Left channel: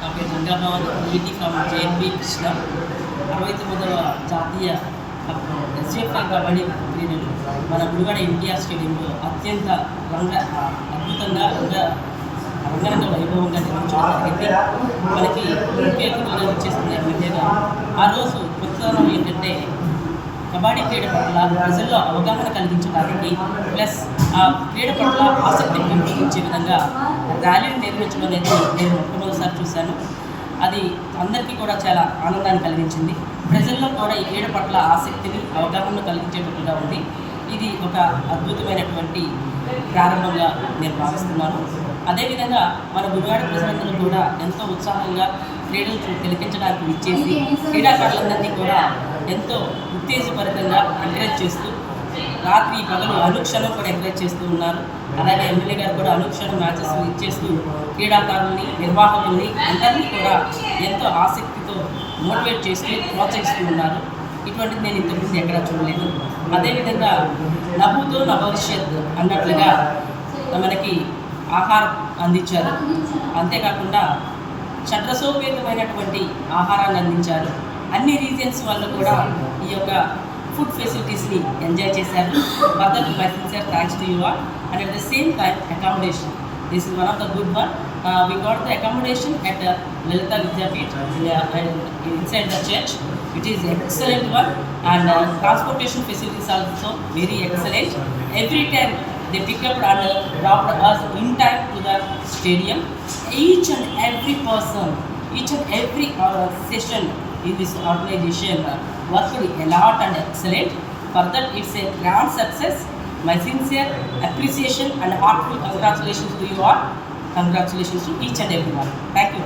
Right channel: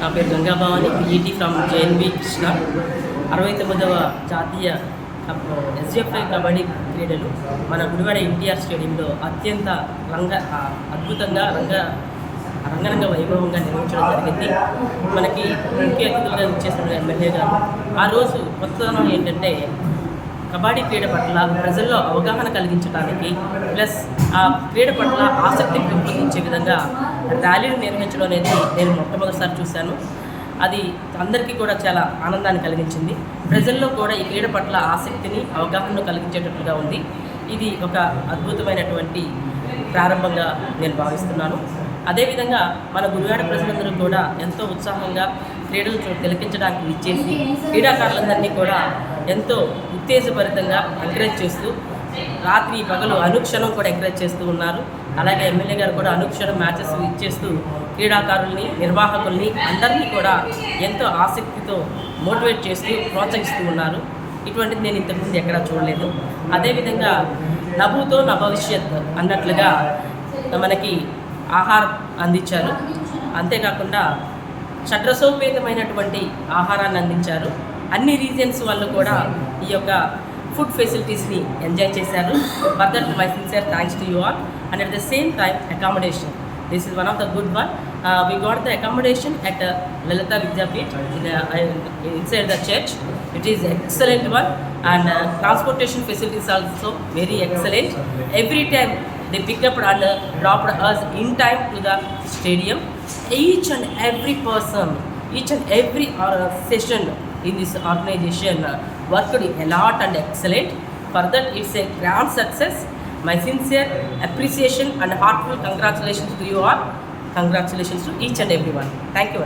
నా పేరు గంగాభవాని, ఈటీ from JNB Krishna. 69వ జాతీయ ఎస్ఎఫ్ఐ కబడ్డీ క్రీడలు మన గుడివాడ ఎన్టీఆర్ స్టేడియంలో అత్యంత అద్భుతంగా రంగరంగ వైభవంగా నిర్వహించడం జరిగింది. మనకి ముఖ్య అతిథులుగా ఇచ్చేసిన ఎమ్మెల్యే గారు ఆ రోజు కొత్తదనం ఏంటంటే కబడ్డీ క్రీడ పట్ల ప్రజల్లో అవగాహన కలిగించడానికి ప్లస్ ఆ క్రీడ పట్ల ఆసక్తి పెంపొందించే విధంగా ర్యాలీని నిర్వహించడం అనేది నేను మొట్టమొదటిసారి చూశాను. అది అందరికీ కూడా చాలా ఆనందాన్ని కలిగించింది. ప్రజల్లో కూడా ఈ క్రీడ పట్ల ఆసక్తిని అవగాహనను కలిగించేటట్లుగా ఉంది. ఇది ఒక అద్భుతమైనటువంటి ప్రారంభంగా నేను భావిస్తున్నాను. అదేవిధంగా మన గుడివాడ ప్రజలందరూ కూడా ఎంతో ఉత్సాహంగా క్రీడలు తిలకించడానికి ఇచ్చేసి క్రీడాకారులందరినీ కూడా ఎంతో ఉత్తేజభరితంగా ఎంకరేజ్ చేస్తూ రాత్రి పగలు అనుక్షణం కూడా ఎంకరేజ్ చేస్తూ ఉన్నారు. అలాగే ఎమ్మెల్యే గారు కూడా అనుక్షణం మ్యాచెస్ ఇచ్చేస్తూ క్రీడాకారుల్ని, నిర్వాహకుల్ని అందరినీ కూడా ఎంతో ఆసక్తితో మోటివేట్ చేస్తూ ప్రోత్సహిస్తూ ఉన్నారు. ఇటువంటిది నేను ఇంతకుముందు ఎక్కడా చూడలేదు. అదేవిధంగా నభూతో నా భవిష్యత్ అన్నట్లుగా మనకి ఆహారం అందించారు. అంతేకాకుండా షడ్రసోపేతమైనటువంటి ఆహారాన్ని అందించారు. అన్ని రీజన్స్ వాళ్ళు కూడా ఈ యొక్క ఫుడ్ ఫెసిలిటీస్ని ఎంజాయ్ చేశారు. For that my sincere thanks to you all. And at the same time accommodation, this is one of the good one. We got the accommodation at Lalita Vidyapeeth inside the church. It is excellent one, and transportation facilities also very excellent. Every time they pick up and dropped us in time to the stadium. Each and every person, each and every session in this organization worked a lot and excellent. For that, it's a grand success. My sincere appreciation and heartfelt congratulations to you all. Congratulations to each and everyone. Thank you.